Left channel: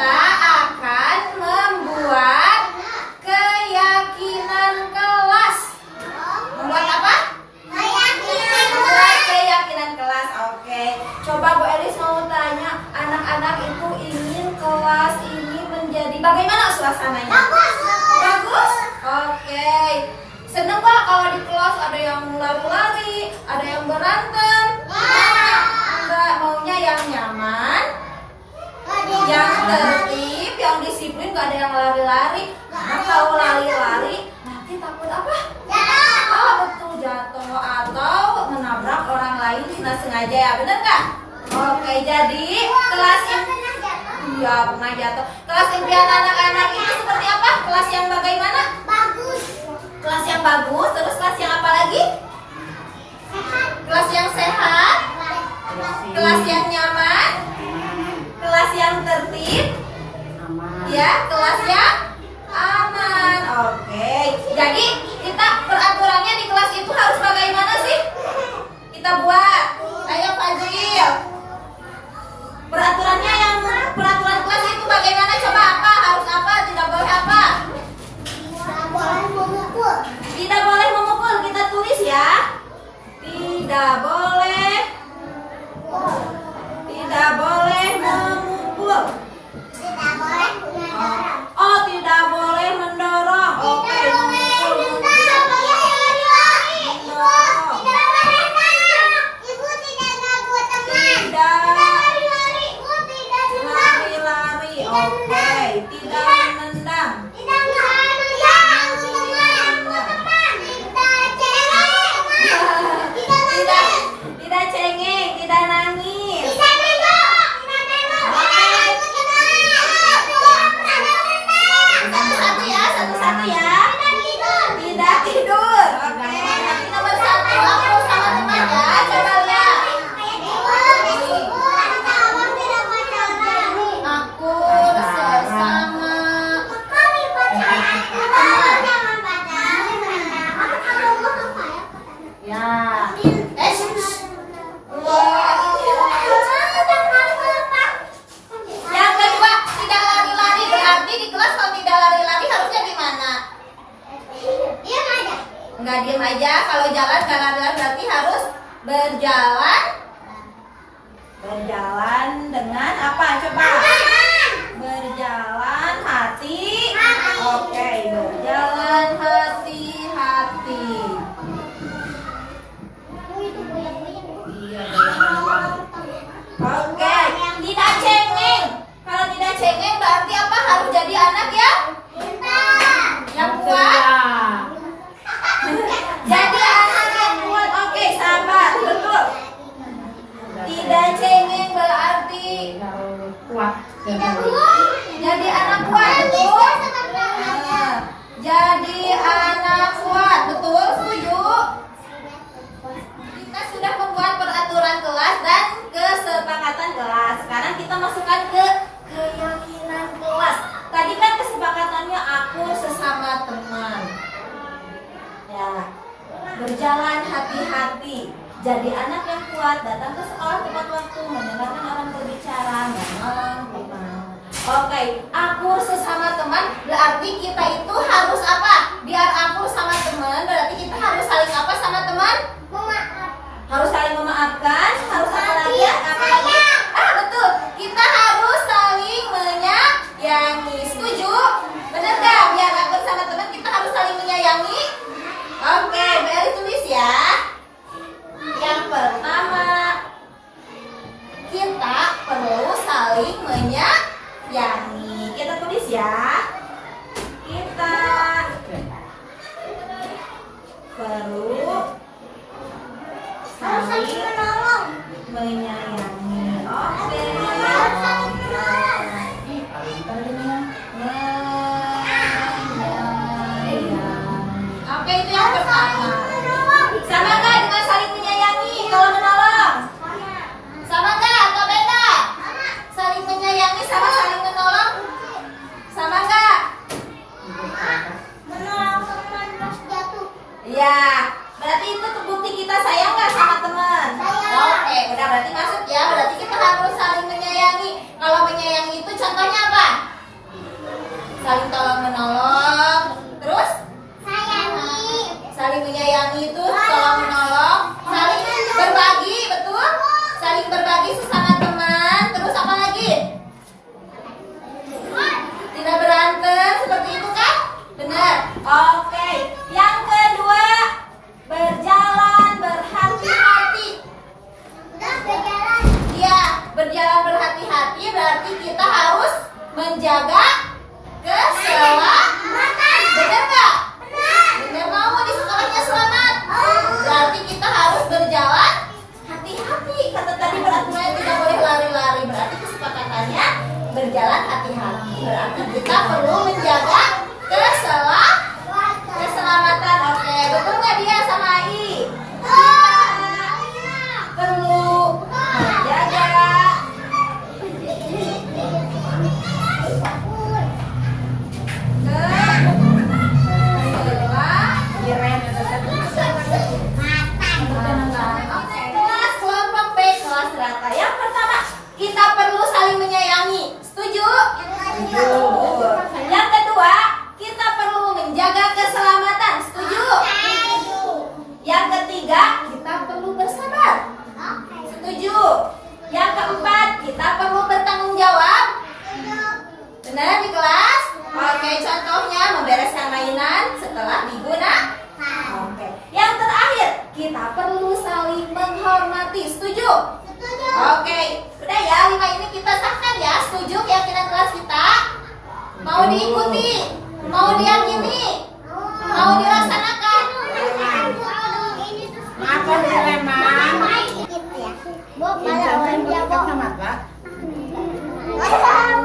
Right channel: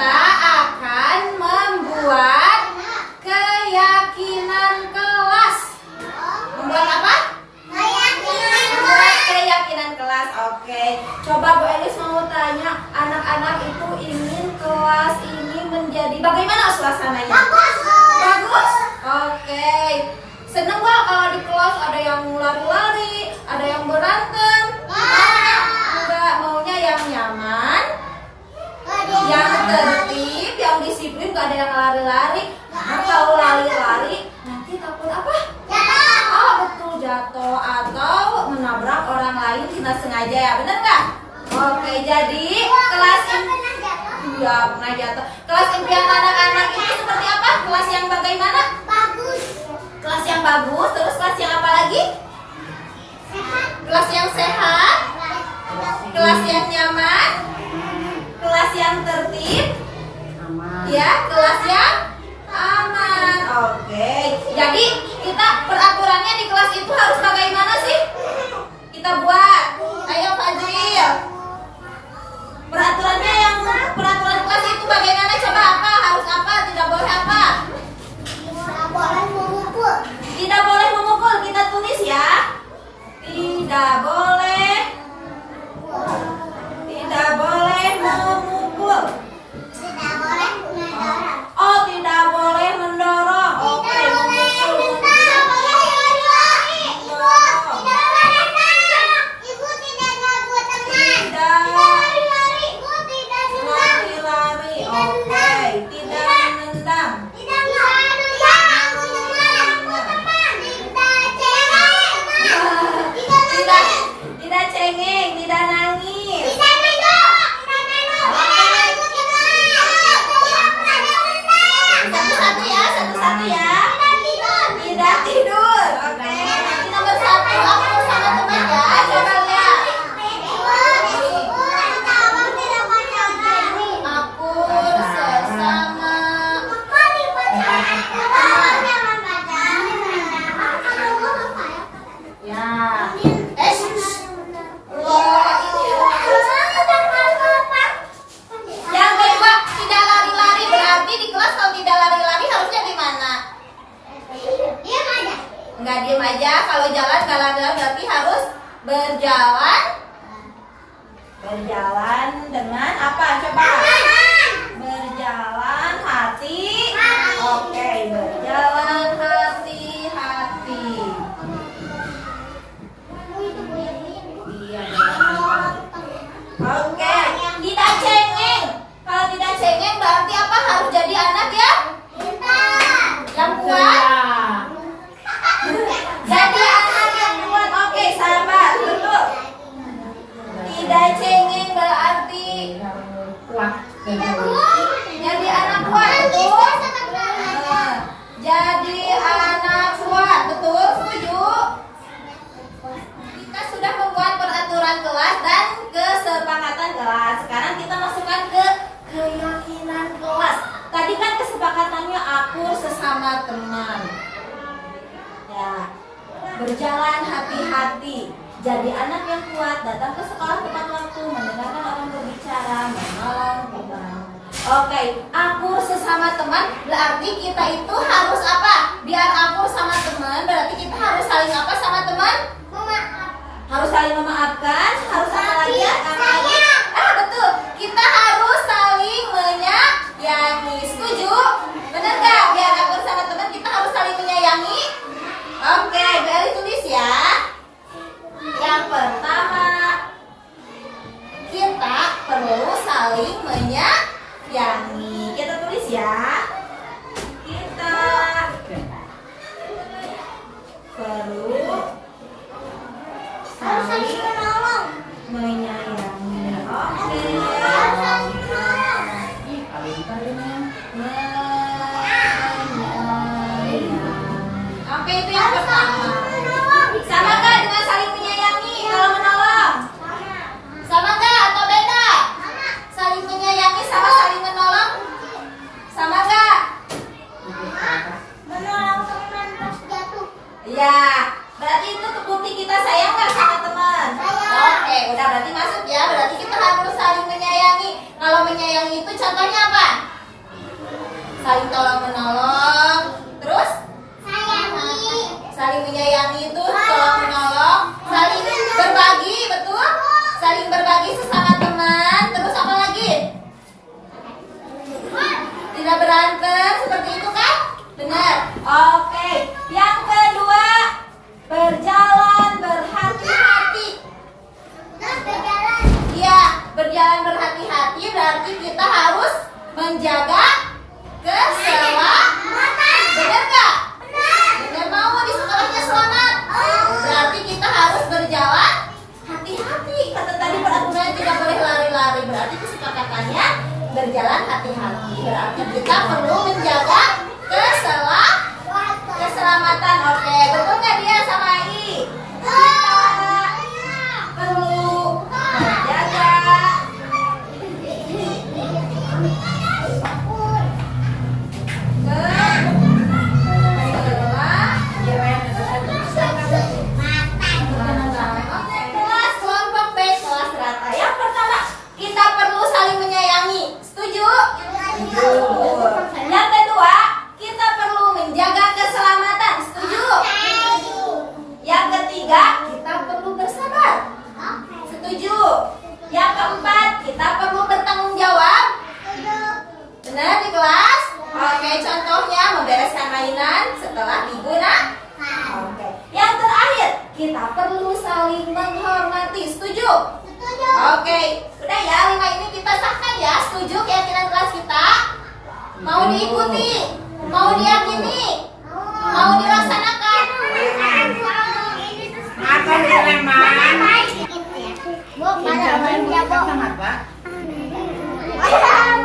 kita akan membuat keyakinan kelas. Membuat apa? Membuat keyakinan kelas. Oke. Coba Bu Elis mau tanya, anak-anak itu ingin kelas ini menjadi bagaimana suasananya? Bagus. Bagus? Oke. Seneng nggak kalau di kelas ada yang lari-lari, ada yang berantem? Enggak, maunya yang nyaman, yang tertib, yang disiplin, gak ada yang lari-lari. Karena kalau lari-lari nanti takut apa? Oh betul, jatuh atau menabrak orang lain tidak sengaja ya, bener nggak? Oke, jadi kelas iya pernah jatuh. Kelas impian anak-anak ini seperti apa? Kelas yang bagaimana? Bagus. Kelas yang bagus, terus kelas yang apa lagi? Sehat. Kelas yang sehat, kelas yang nyaman, kelas yang tertib, ya, kelas yang aman. Oke, jadi kita peraturannya di kelas itu harus bagaimana sih? Kita buat. Ayo Fadil. Peraturannya yang peraturan kelas itu bagaimana? Coba apa? Harus apa? Tidak boleh apa? Tidak boleh memukul. Tidak boleh memukul. Kita tulis ya. Tidak boleh. Tidak boleh memukul. Tidak boleh mendorong. Oh, tidak boleh mendorong. Oke, Tidak boleh memukul. tidak boleh lari-lari. Ibu tidak boleh nendang. Ibu tidak ganggu teman. Tidak. Lari-lari. Ibu tidak nendang. Lari-lari. Oke, tidak menendang. Tidak ganggu teman. Tidak cengeng. Tidak, tidak cengeng, tidak nangis. Tidak nengok. Tidak nengok. Satu-satu ya, satu-satu ya. Tidak tidur. Oke, nanti nomor 1 aku sama teman ya. Coba lihat. Aku sesama. Ya. Wah, yang kedua, tidak lari-lari. Berarti di kelas kalau tidak lari-lari harusnya gimana? Enggak diem aja. Kalau jalan nggak lari-lari berarti harus berjalan. Berjalan dengan apa? Coba. Berjalan hati. Oke, berjalan hati-hati. Iya, oke, tidak cengeng. Kalau tidak cengeng berarti apa? Harus jadi anak ya? Yang kuat. Jadi anak yang kuat. Oke, sabar, betul. Tidak cengeng berarti kuat. jadi anak kuat, betul. Jadi anak kuat, betul, setuju. Kita sudah membuat peraturan kelas dan kesepakatan kelas. Sekarang kita masukkan ke keyakinan kelas. Tadi kan kesepakatannya akur sesama teman. Ya, berjalan hati-hati. Jadi anak yang kuat, datang ke sekolah tepat waktu, mendengarkan orang berbicara, menolong teman. Oke, akur sesama teman berarti kita itu harus apa? Biar akur sama teman berarti kita harus saling apa sama teman? Harus saling memaafkan, harus apa lagi? Apa lagi? Ah, betul. Kita harus saling menyayangi. Setuju? Benar nggak? Biar akur sama teman kita harus saling menyayangi. Oke, Beli tulis ya. Yang pertama, kita perlu saling menyayangi. Kita tulis ya. Kita perlu saling menyayangi. Oke. Oke, itu yang pertama. Sama nggak dengan saling menyayangi kalau menolong? Sama nggak atau beda? Saling menyayangi sama saling menolong? Sama nggak? Menolong teman pas jatuh. Iya. Berarti itu bukti kita sayang nggak sama teman? Sayang. Oke, udah berarti masuk ya. Berarti kita harus saling menyayangi. Kalau menyayangi itu contohnya apa? Saling tolong menolong. Terus? Saling menyayangi itu tolong menolong. Saling berbagi, betul? Saling berbagi sesama teman. Terus apa lagi? Tidak berantem, seperti itu kan? Benar. Oke. Yang kedua, berjalan berhati-hati. Iya, berjalan berhati-hati berarti kita harus menjaga keselamatan. Benar nggak? Benar, mau di sekolahnya selamat. Berarti kita harus berjalan hati-hati. Kata tadi peraturannya tidak boleh lari-lari. Berarti kesepakatannya berjalan hati-hati. Berarti kita perlu menjaga keselamatan. Oke, betul nggak dia sama Ai? Perlu menjaga Oke, kelas kelompok B, kelas rata. Yang pertama, kita perlu saling menyayangi. Setuju? Yang kedua, kita perlu menjaga keselamatan. Setuju? Yang ketiga, kita perlu bersabar. Setuju? Yang keempat, kita perlu bertanggung jawab. Benar di kelas? Oke, contohnya membereskan mainan setelah digunakan. Oke. Yang terakhir, kita perlu saling menghormati. Setuju? Oke, udah ya, 5 ini kita sahkan ya. Setuju keyakinan kelas kita? Mau diikuti? Mau diyakini? Mau dilaksanakan? Apa teman? Bu, mana Jangan dia, Bu? kacamata. Wah,